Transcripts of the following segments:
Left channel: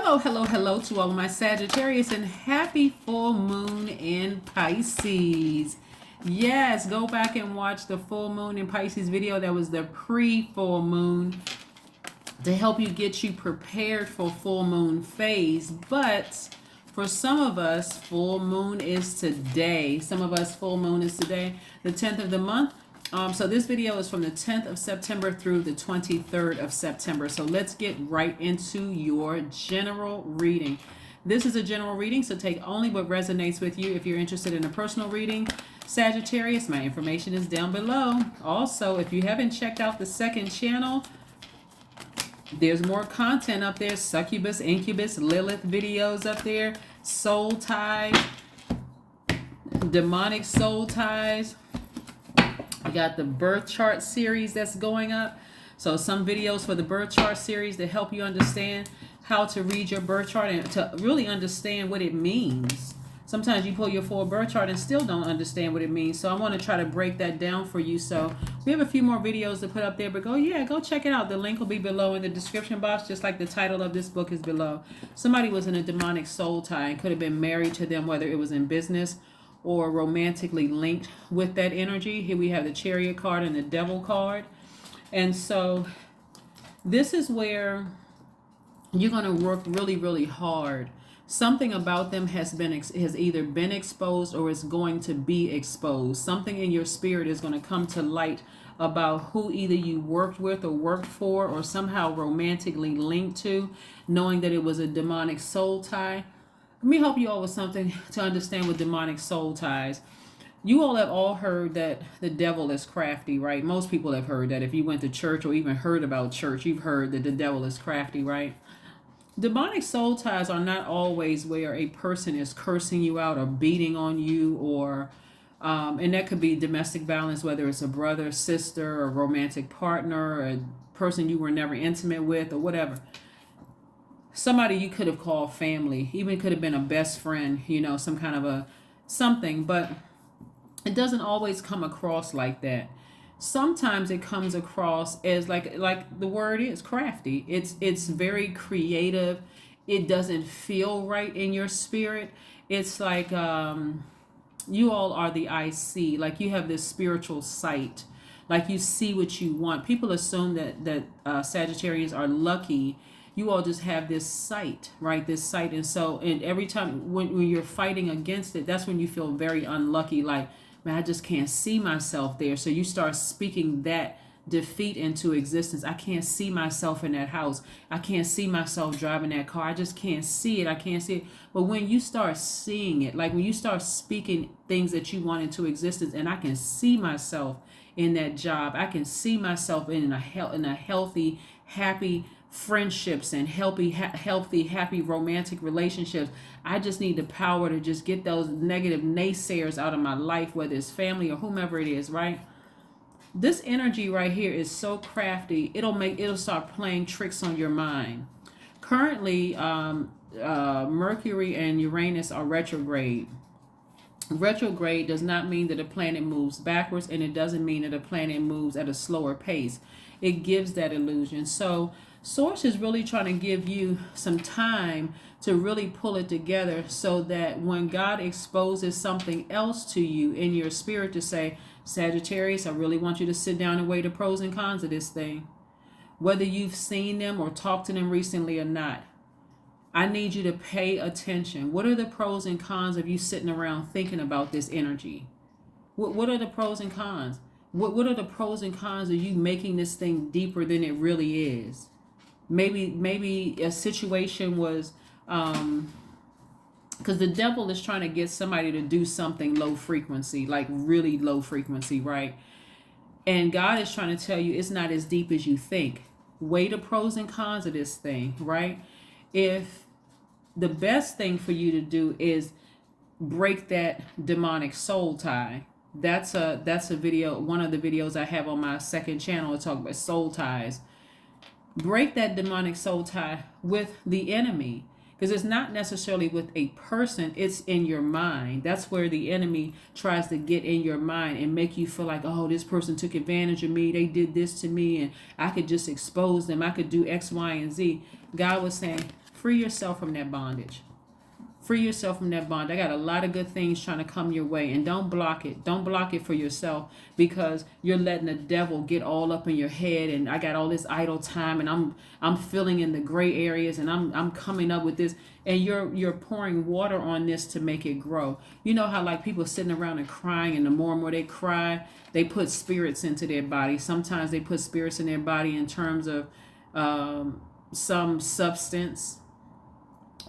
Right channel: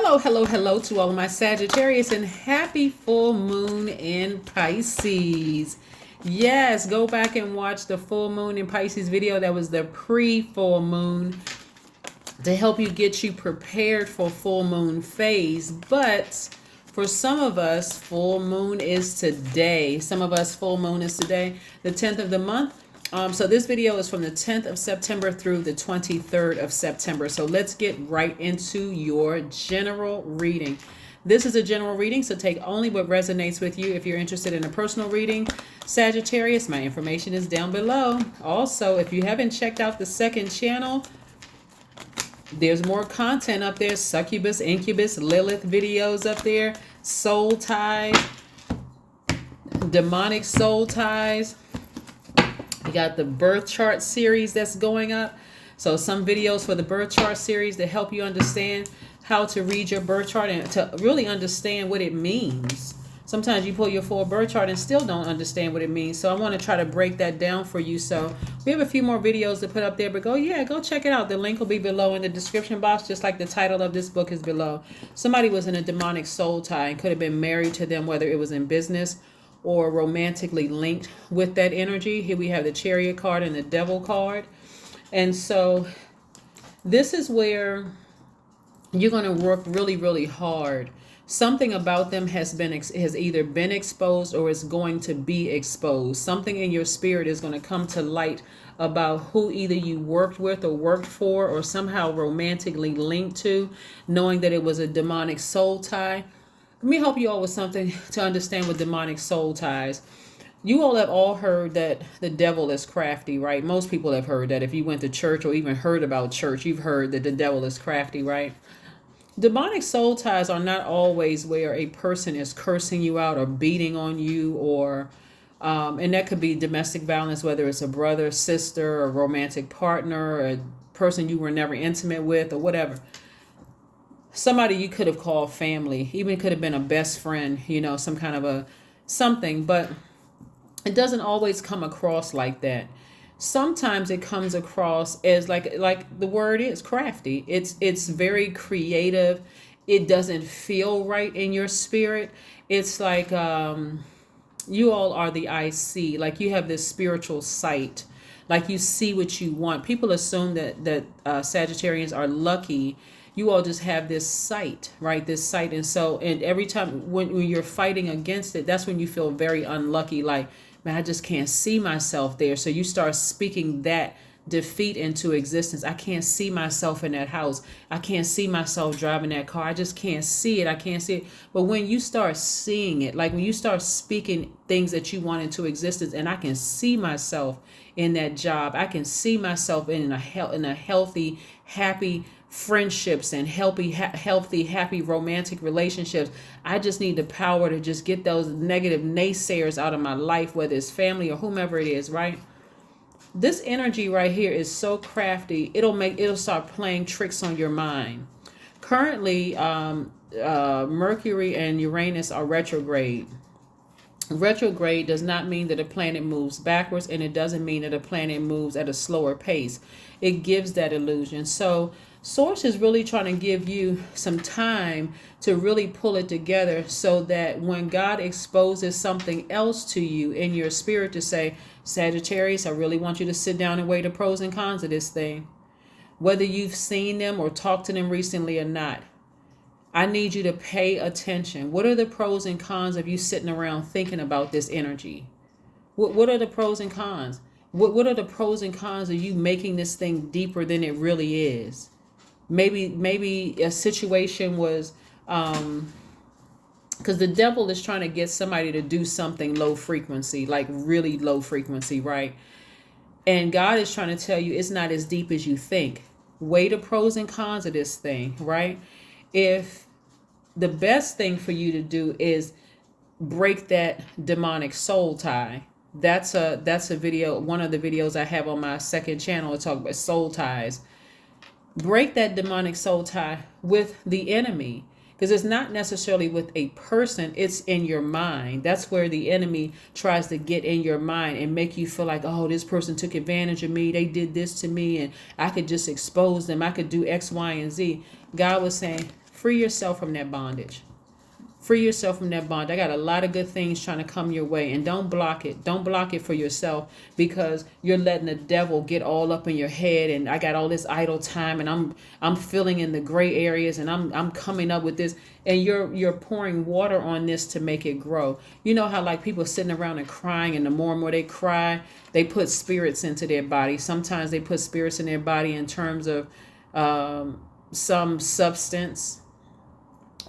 Hello, hello, hello to all of my Sagittarius and happy full moon in Pisces. Yes, go back and watch the full moon in Pisces video. That was the pre-full moon to help get you prepared for full moon phase. But for some of us, full moon is today. Some of us, full moon is today, the 10th of the month. So this video is from the 10th of September through the 23rd of September. So let's get right into your general reading. This is a general reading, so take only what resonates with you. If you're interested in a personal reading, Sagittarius, my information is down below. Also, if you haven't checked out the second channel, there's more content up there. Succubus, Incubus, Lilith videos up there. Soul ties, demonic soul ties. We got the birth chart series that's going up. So some videos for the birth chart series to help you understand how to read your birth chart and to really understand what it means. Sometimes you pull your full birth chart and still don't understand what it means. So I want to try to break that down for you. So we have a few more videos to put up there, but go check it out. The link will be below in the description box, just like the title of this book is below. Somebody was in a demonic soul tie and could have been married to them, whether it was in business or romantically linked with that energy. Here we have the Chariot card and the Devil card. And so this is where you're going to work really, really hard. Something about them has either been exposed or is going to be exposed. Something in your spirit is going to come to light about who either you worked with or worked for or somehow romantically linked to, knowing that it was a demonic soul tie. Let me help you all with something to understand with demonic soul ties. You all have all heard that the devil is crafty, right? Most people have heard that. If you went to church or even heard about church, you've heard that the devil is crafty, right? Demonic soul ties are not always where a person is cursing you out or beating on you, or and that could be domestic violence, whether it's a brother, sister, a romantic partner, a person you were never intimate with, or whatever. Somebody you could have called family, even could have been a best friend, some kind of a something, but it doesn't always come across like that. Sometimes it comes across as like the word is crafty. It's very creative. It doesn't feel right in your spirit. It's like you all are the I see, like you have this spiritual sight, like you see what you want. People assume that Sagittarians are lucky. You all just have this sight, right? This sight. And every time when you're fighting against it, that's when you feel very unlucky. Like, man, I just can't see myself there. So you start speaking that defeat into existence. I can't see myself in that house. I can't see myself driving that car. I just can't see it. I can't see it. But when you start seeing it, like when you start speaking things that you want into existence, and I can see myself in that job. I can see myself in a healthy, happy friendships and healthy, happy romantic relationships. I just need the power to just get those negative naysayers out of my life, whether it's family or whomever it is, right? This energy right here is so crafty. It'll start playing tricks on your mind. Currently, Mercury and Uranus are retrograde. Retrograde does not mean that a planet moves backwards, and it doesn't mean that a planet moves at a slower pace. It gives that illusion. So Source is really trying to give you some time to really pull it together so that when God exposes something else to you in your spirit to say, Sagittarius, I really want you to sit down and weigh the pros and cons of this thing. Whether you've seen them or talked to them recently or not, I need you to pay attention. What are the pros and cons of you sitting around thinking about this energy? What are the pros and cons? What are the pros and cons of you making this thing deeper than it really is? Maybe a situation was because the devil is trying to get somebody to do something low frequency, like really low frequency, right? And God is trying to tell you it's not as deep as you think. Weigh the pros and cons of this thing, right? If the best thing for you to do is break that demonic soul tie. That's a video, one of the videos I have on my second channel to talk about soul ties. Break that demonic soul tie with the enemy, because it's not necessarily with a person, it's in your mind. That's where the enemy tries to get in your mind and make you feel like, oh, this person took advantage of me, they did this to me, and I could just expose them, I could do X, Y, and Z. God was saying, free yourself from that bondage. Free yourself from that bond. I got a lot of good things trying to come your way, and don't block it. Don't block it for yourself, because you're letting the devil get all up in your head. And I got all this idle time, and I'm filling in the gray areas, and I'm coming up with this, and you're pouring water on this to make it grow. You know how like people sitting around and crying, and the more and more they cry, they put spirits into their body. Sometimes they put spirits in their body in terms of some substance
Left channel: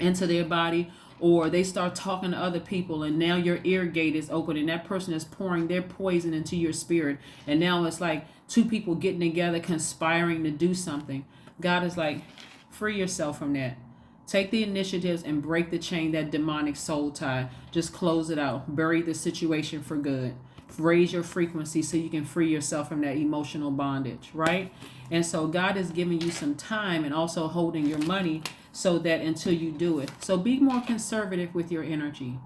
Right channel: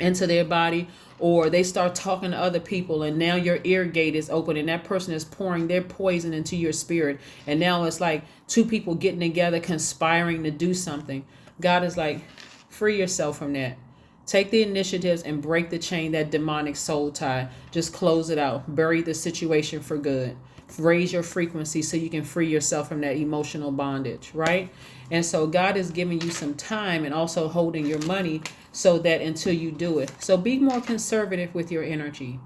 into their body, or they start talking to other people, and now your ear gate is open, and that person is pouring their poison into your spirit, and now it's like two people getting together conspiring to do something. God is like, free yourself from that. Take the initiatives and break the chain, that demonic soul tie. Just close it out. Bury the situation for good. Raise your frequency so you can free yourself from that emotional bondage, right? And so God is giving you some time and also holding your money so that until you do it. So be more conservative with your energy.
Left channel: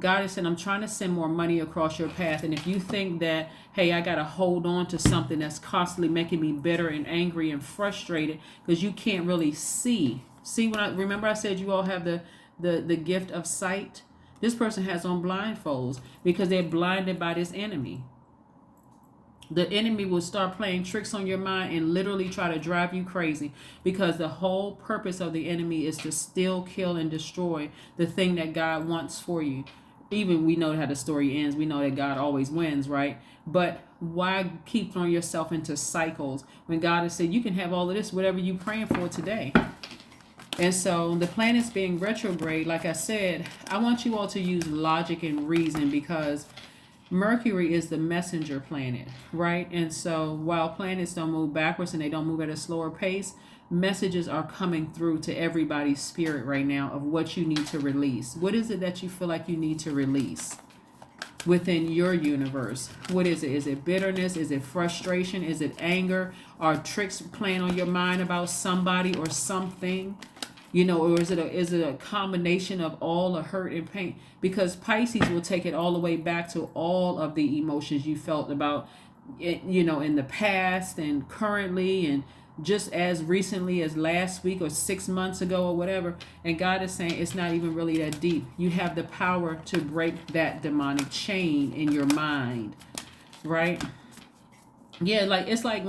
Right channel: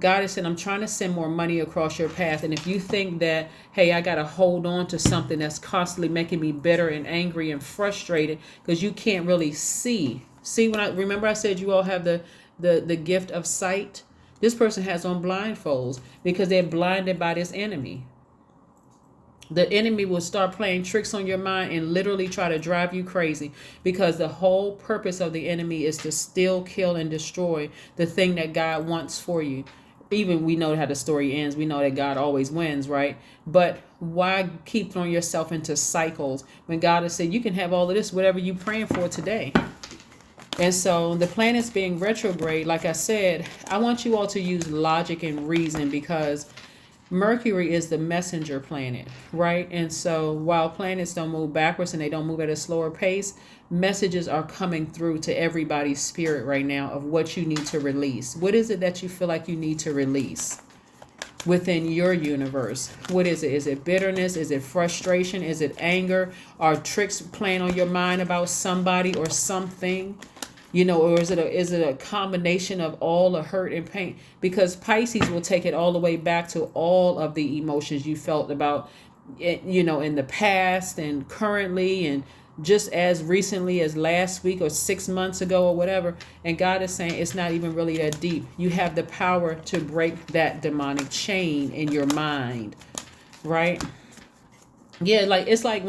God is saying, I'm trying to send more money across your path. And if you think that, hey, I got to hold on to something that's constantly making me bitter and angry and frustrated because you can't really see. See, when I remember I said you all have the gift of sight. This person has on blindfolds because they're blinded by this enemy. The enemy will start playing tricks on your mind and literally try to drive you crazy, because the whole purpose of the enemy is to steal, kill, and destroy the thing that God wants for you. Even we know how the story ends. We know that God always wins, right? But why keep throwing yourself into cycles when God has said you can have all of this, whatever you're praying for today? And so the planets being retrograde, like I said, I want you all to use logic and reason, because Mercury is the messenger planet, right? And so while planets don't move backwards and they don't move at a slower pace, messages are coming through to everybody's spirit right now of what you need to release. What is it that you feel like you need to release within your universe? What is it? Is it bitterness? Is it frustration? Is it anger? Are tricks playing on your mind about somebody or something? You know, or is it a combination of all the hurt and pain? Because Pisces will take it all the way back to all of the emotions you felt about it, you know, in the past and currently and just as recently as last week or 6 months ago or whatever. And God is saying it's not even really that deep. You have the power to break that demonic chain in your mind, right? Yeah, like it's like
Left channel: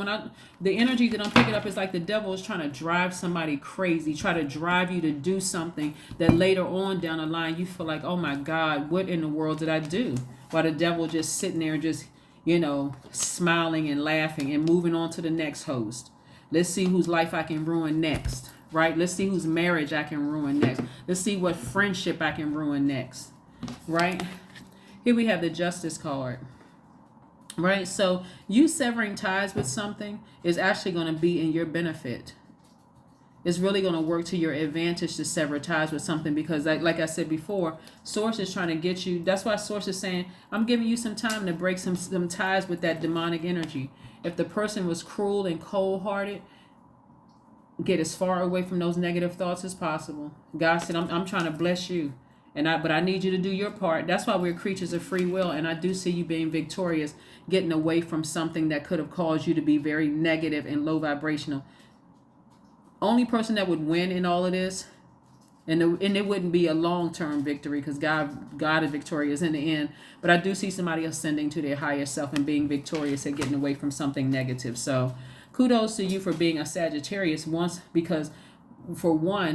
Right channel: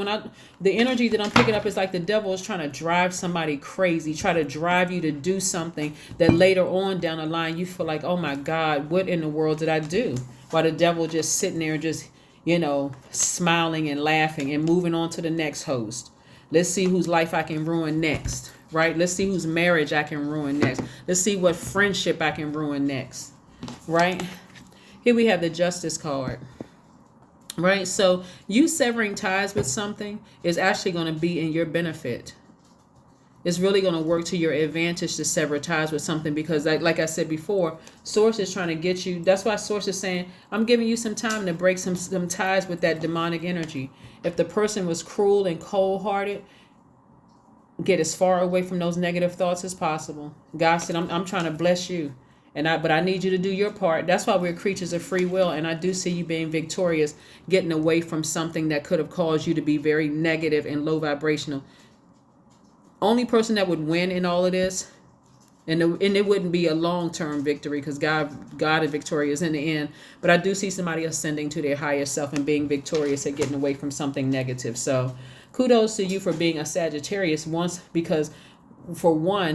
the energy that I'm picking up is like the devil is trying to drive somebody crazy, try to drive you to do something that later on down the line you feel like, oh my God, what in the world did I do? While the devil just sitting there just, you know, smiling and laughing and moving on to the next host. Let's see whose life I can ruin next, right? Let's see whose marriage I can ruin next. Let's see what friendship I can ruin next, right? Here we have the Justice card. Right, so you severing ties with something is actually going to be in your benefit. It's really going to work to your advantage to sever ties with something, because like I said before, Source is trying to get you. That's why Source is saying, I'm giving you some time to break some ties with that demonic energy. If the person was cruel and cold-hearted, get as far away from those negative thoughts as possible. God said, I'm trying to bless you. But I need you to do your part. That's why we're creatures of free will. And I do see you being victorious, getting away from something that could have caused you to be very negative and low vibrational. Only person that would win in all of this, and it wouldn't be a long-term victory, because God is victorious in the end. But I do see somebody ascending to their higher self and being victorious at getting away from something negative. So kudos to you for being a Sagittarius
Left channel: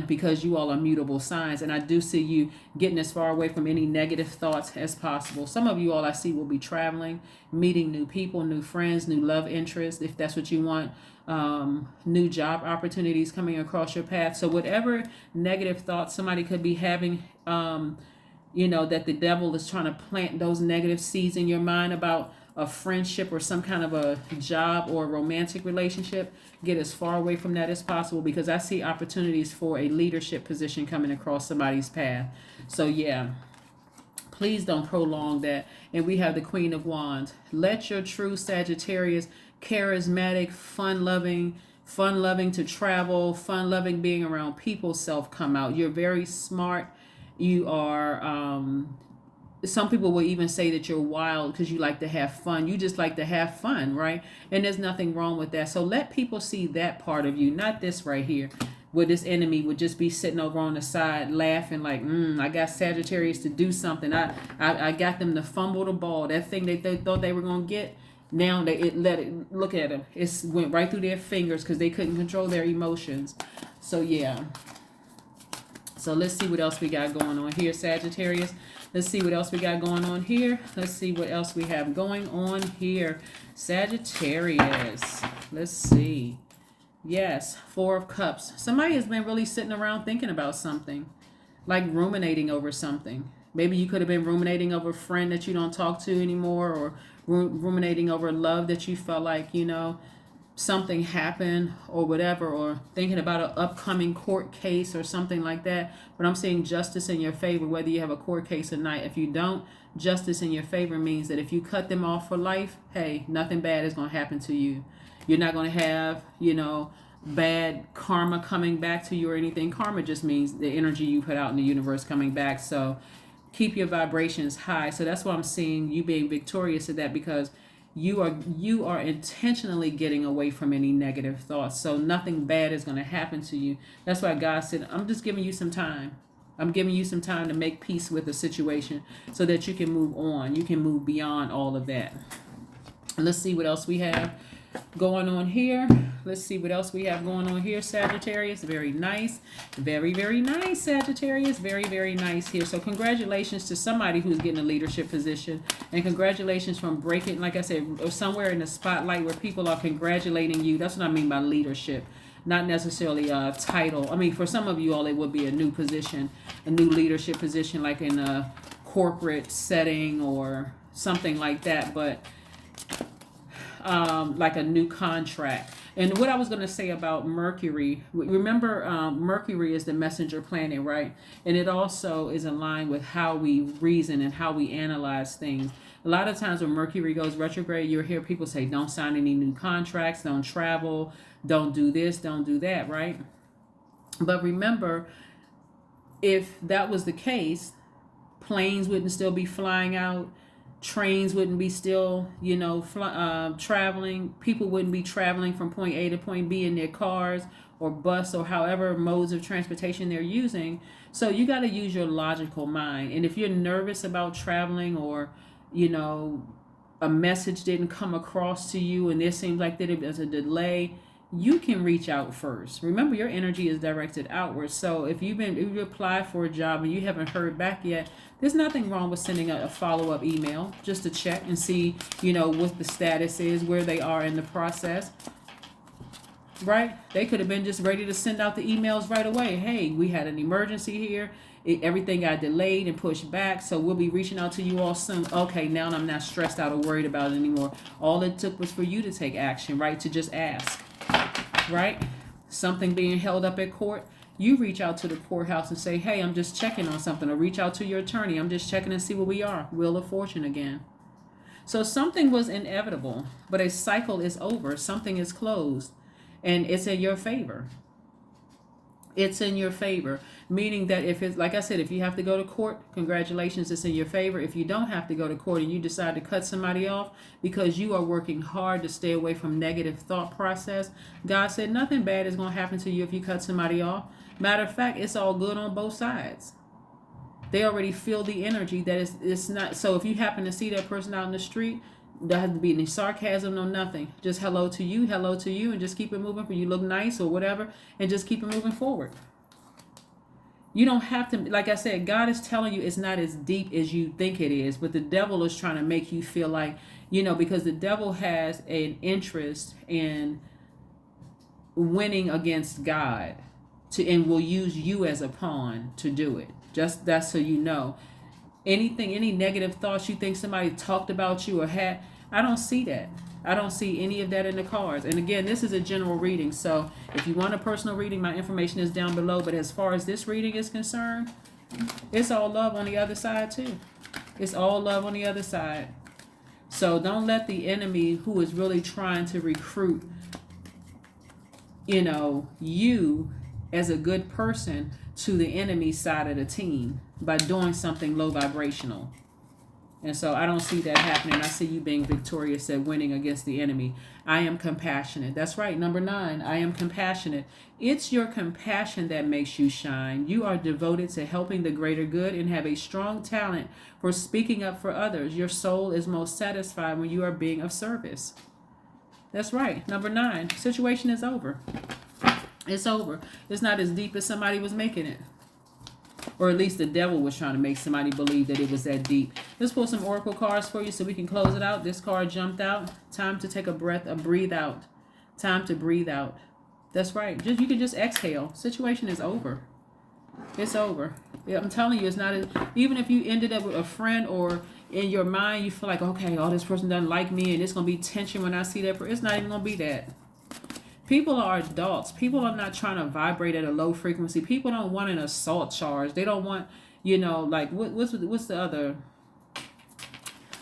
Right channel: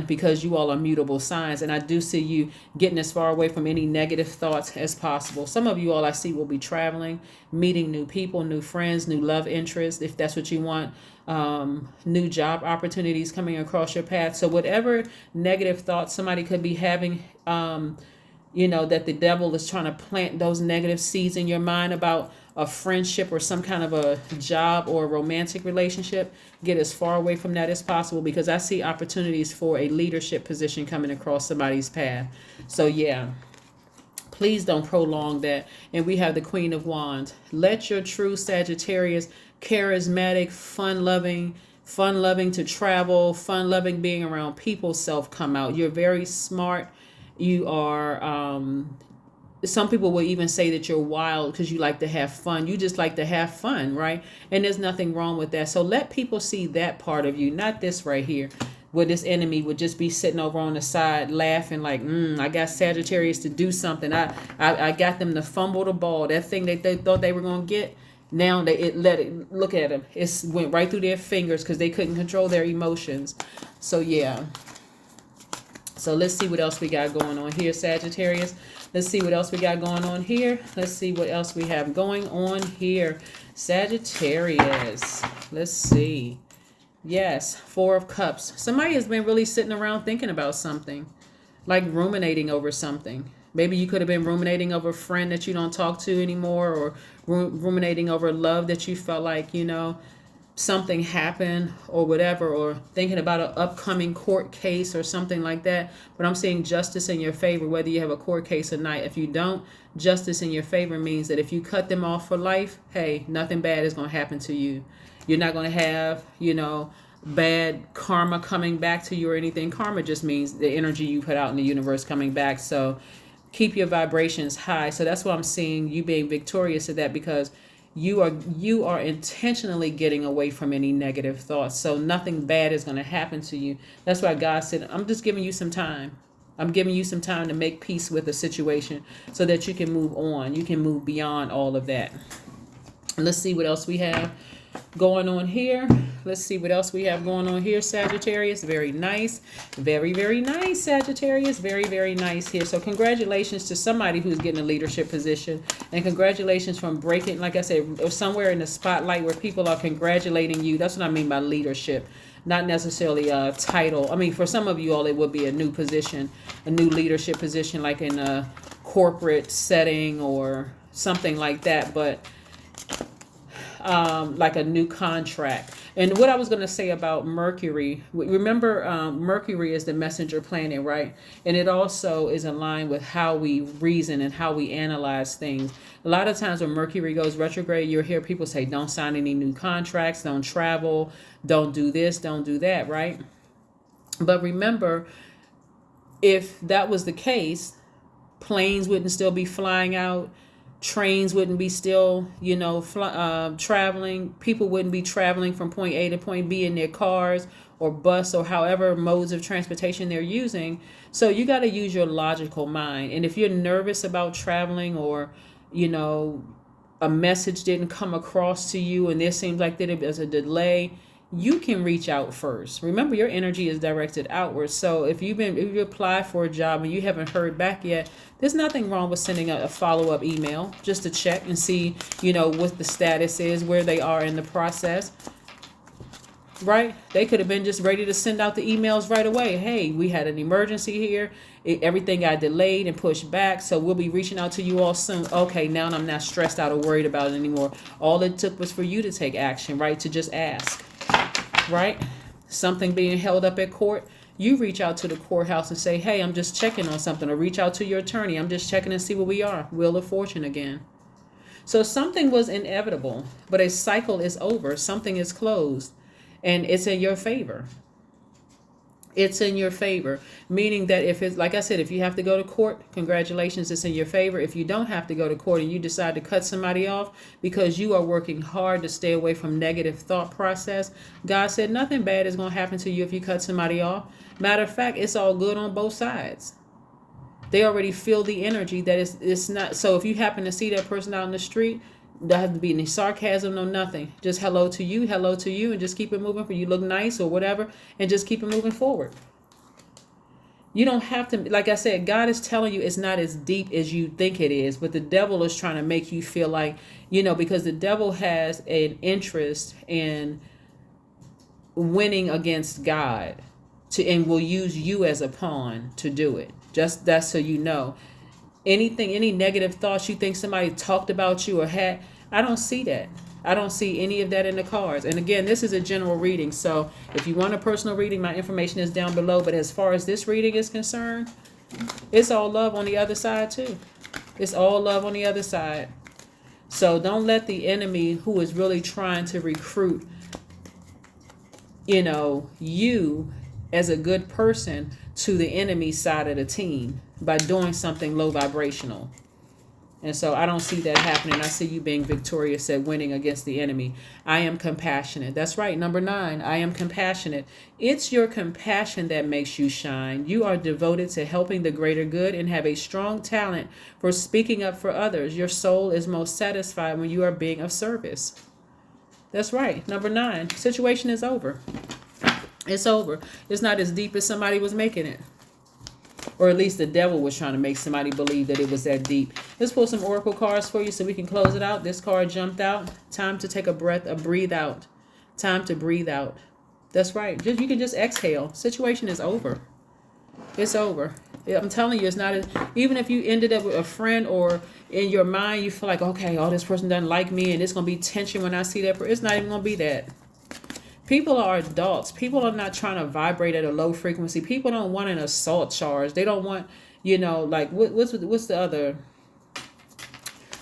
because you all are mutable signs, and I do see you getting as far away from any negative thoughts as possible. Some of you all I see will be traveling, meeting new people, new friends, new love interests, if that's what you want, new job opportunities coming across your path. So whatever negative thoughts somebody could be having, that the devil is trying to plant those negative seeds in your mind about a friendship or some kind of a job or a romantic relationship, get as far away from that as possible, because I see opportunities for a leadership position coming across somebody's path. So yeah, please don't prolong that. And we have the Queen of Wands. Let your true Sagittarius, charismatic, fun-loving to travel, fun-loving being around people self come out. You're very smart. You are some people will even say that you're wild because you like to have fun. You just like to have fun, right? And there's nothing wrong with that. So let people see that part of you, not this right here. where this enemy would just be sitting over on the side laughing like, I got Sagittarius to do something. I got them to fumble the ball. That thing that they thought they were going to get, now look at them. It went right through their fingers because they couldn't control their emotions. So, yeah. So, let's see what else we got going on here, Sagittarius. Let's see what else we got going on here. Let's see what else we have going on here, Sagittarius. Let's see. Yes, Four of Cups. Somebody has been really sitting around thinking about something, like ruminating over something. Maybe you could have been ruminating over a friend that you don't talk to anymore, or ruminating over love that you felt like, something happened or whatever, or thinking about an upcoming court case or something like that. But I'm seeing justice in your favor, whether you have a court case or not. If you don't, justice in your favor means that if you cut them off for life, hey, nothing bad is going to happen to you. You're not going to have, bad karma coming back to you or anything. Karma just means the energy you put out in the universe coming back. So keep your vibrations high. So that's why I'm seeing you being victorious at that, because you are intentionally getting away from any negative thoughts. So nothing bad is going to happen to you. That's why God said, I'm just giving you some time. I'm giving you some time to make peace with the situation so that you can move on. You can move beyond all of that. And let's see what else we have going on here. Let's see what else we have going on here, Sagittarius. Very nice. Very, very nice, Sagittarius. Very, very nice here. So congratulations to somebody who's getting a leadership position. And congratulations from breaking, like I said, somewhere in the spotlight where people are congratulating you. That's what I mean by leadership. Not necessarily a title. I mean, for some of you all, it would be a new position, a new leadership position, like in a corporate setting or something like that. But like a new contract. And what I was going to say about Mercury, remember Mercury is the messenger planet, right? And it also is in line with how we reason and how we analyze things. A lot of times when Mercury goes retrograde, you'll hear people say, don't sign any new contracts, don't travel, don't do this, don't do that, right? But remember, if that was the case, planes wouldn't still be flying out. Trains wouldn't be still, traveling. People wouldn't be traveling from point A to point B in their cars or bus or however modes of transportation they're using. So you got to use your logical mind. And if you're nervous about traveling or, a message didn't come across to you and there seems like there's a delay, you can reach out first. Remember, your energy is directed outward. So if you apply for a job and you haven't heard back yet, there's nothing wrong with sending a follow-up email just to check and see, what the status is, where they are in the process, right? They could have been just ready to send out the emails right away. Hey, we had an emergency here. Everything got delayed and pushed back, so we'll be reaching out to you all soon. Okay, now I'm not stressed out or worried about it anymore. All it took was for you to take action, right? To just ask, right? Something being held up at court. You reach out to the courthouse and say, hey, I'm just checking on something. Or reach out to your attorney. I'm just checking and see where we are. Wheel of Fortune again. So something was inevitable, but a cycle is over. Something is closed. And it's in your favor. It's in your favor. Meaning that if it's, like I said, if you have to go to court, congratulations, it's in your favor. If you don't have to go to court and you decide to cut somebody off because you are working hard to stay away from negative thought process, God said nothing bad is going to happen to you if you cut somebody off. Matter of fact, it's all good on both sides. They already feel the energy that it's not. So if you happen to see that person out in the street, there doesn't be any sarcasm, no nothing. Just hello to you, and just keep it moving. For you look nice or whatever, and just keep it moving forward. You don't have to, like I said, God is telling you it's not as deep as you think it is, but the devil is trying to make you feel like, because the devil has an interest in winning against God and will use you as a pawn to do it. Just that's so you know. Any negative thoughts you think somebody talked about you or had, I don't see that. I don't see any of that in the cards. And again, this is a general reading. So if you want a personal reading, my information is down below. But as far as this reading is concerned, it's all love on the other side too. It's all love on the other side. So don't let the enemy who is really trying to recruit, you as a good person to the enemy side of the team by doing something low vibrational. And so I don't see that happening. I see you being victorious at winning against the enemy. I am compassionate. That's right. Number 9, I am compassionate. It's your compassion that makes you shine. You are devoted to helping the greater good and have a strong talent for speaking up for others. Your soul is most satisfied when you are being of service. That's right. Number 9, situation is over. It's over. It's not as deep as somebody was making it. Or at least the devil was trying to make somebody believe that it was that deep. Let's pull some oracle cards for you so we can close it out. This card jumped out. Time to take a breath, a breathe out. Time to breathe out. That's right. You can just exhale. Situation is over. It's over. I'm telling you, it's not even if you ended up with a friend or in your mind you feel like, okay, oh, this person doesn't like me and it's going to be tension when I see that person. It's not even going to be that. People are adults. People are not trying to vibrate at a low frequency. People don't want an assault charge. They don't want, like what's the other?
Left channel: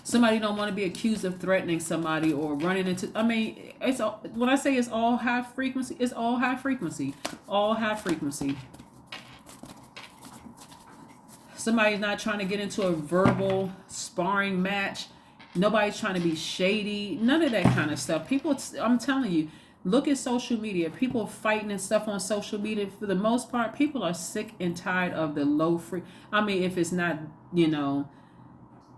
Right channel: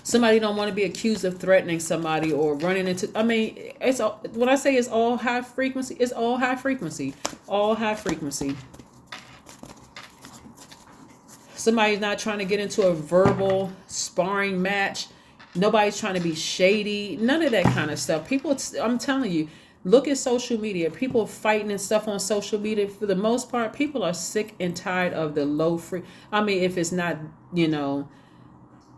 Somebody don't want to be accused of threatening somebody or running into. I mean, it's all, when I say it's all high frequency, it's all high frequency, all high frequency. Somebody's not trying to get into a verbal sparring match. Nobody's trying to be shady. None of that kind of stuff. People, I'm telling you. Look at social media. People fighting and stuff on social media. For the most part, people are sick and tired of the low free. I mean, if it's not,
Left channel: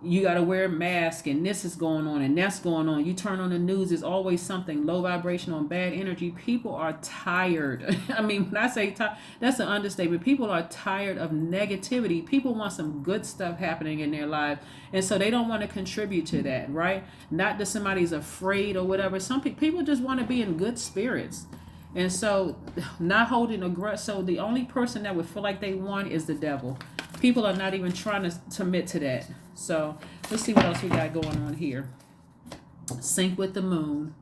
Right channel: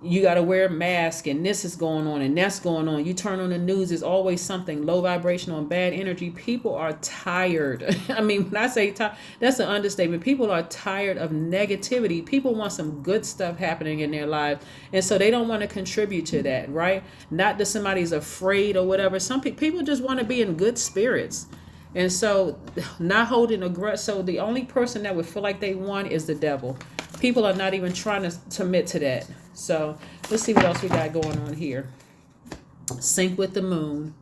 you got to wear a mask and this is going on and that's going on. You turn on the news, there's always something low vibrational and bad energy. People are tired. I mean, when I say tired, that's an understatement. People are tired of negativity. People want some good stuff happening in their lives. And so they don't want to contribute to that, right? Not that somebody's afraid or whatever. Some people just want to be in good spirits. And so not holding a grudge. So the only person that would feel like they won is the devil. People are not even trying to commit to that. So let's see what else we got going on here. Sync with the moon.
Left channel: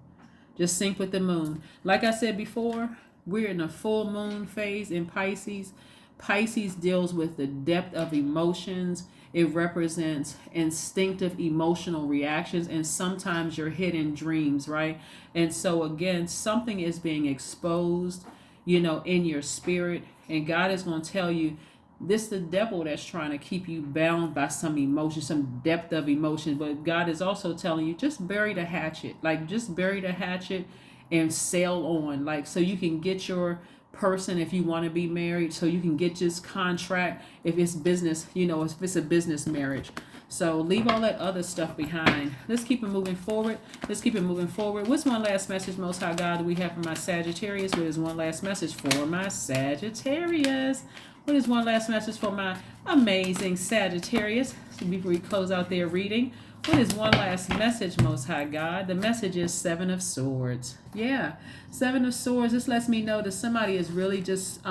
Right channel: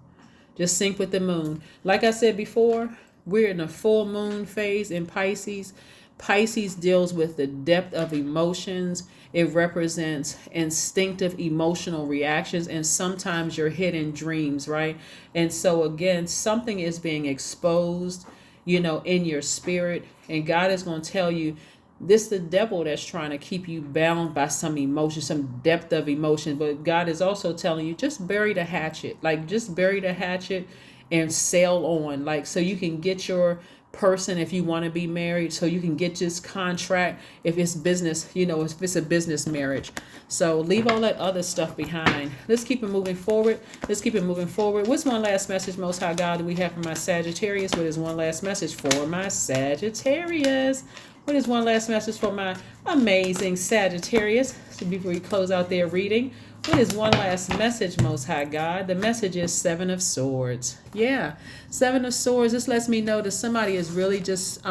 Just sync with the moon. Like I said before, we're in a full moon phase in Pisces. Pisces deals with the depth of emotions. It represents instinctive emotional reactions and sometimes your hidden dreams, right? And so again, something is being exposed, in your spirit. And God is going to tell you, this is the devil that's trying to keep you bound by some emotion, some depth of emotion. But God is also telling you, just bury the hatchet. Like, just bury the hatchet and sail on. Like, so you can get your person if you want to be married. So you can get this contract if it's business, if it's a business marriage. So leave all that other stuff behind. Let's keep it moving forward. What's one last message, Most High God, do we have for my Sagittarius? What is one last message for my Sagittarius? What is one last message for my amazing Sagittarius? So before we close out their reading, what is one last message, Most High God? The message is 7 of Swords. Yeah, 7 of Swords. This lets me know that somebody is really just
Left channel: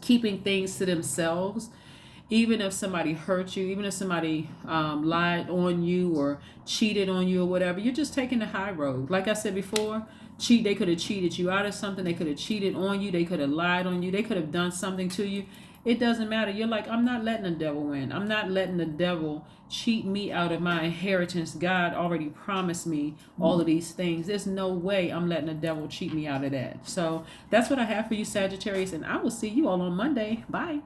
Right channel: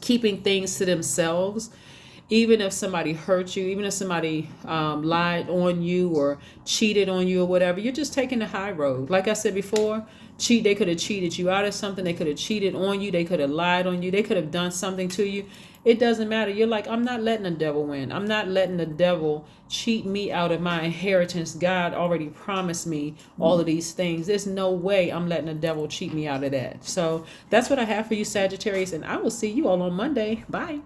keeping things to themselves. Even if somebody hurt you, even if somebody lied on you or cheated on you or whatever, you're just taking the high road. Like I said before, they could have cheated you out of something. They could have cheated on you. They could have lied on you. They could have done something to you. It doesn't matter. You're like, I'm not letting the devil win. I'm not letting the devil cheat me out of my inheritance. God already promised me all of these things. There's no way I'm letting the devil cheat me out of that. So that's what I have for you, Sagittarius, and I will see you all on Monday. Bye.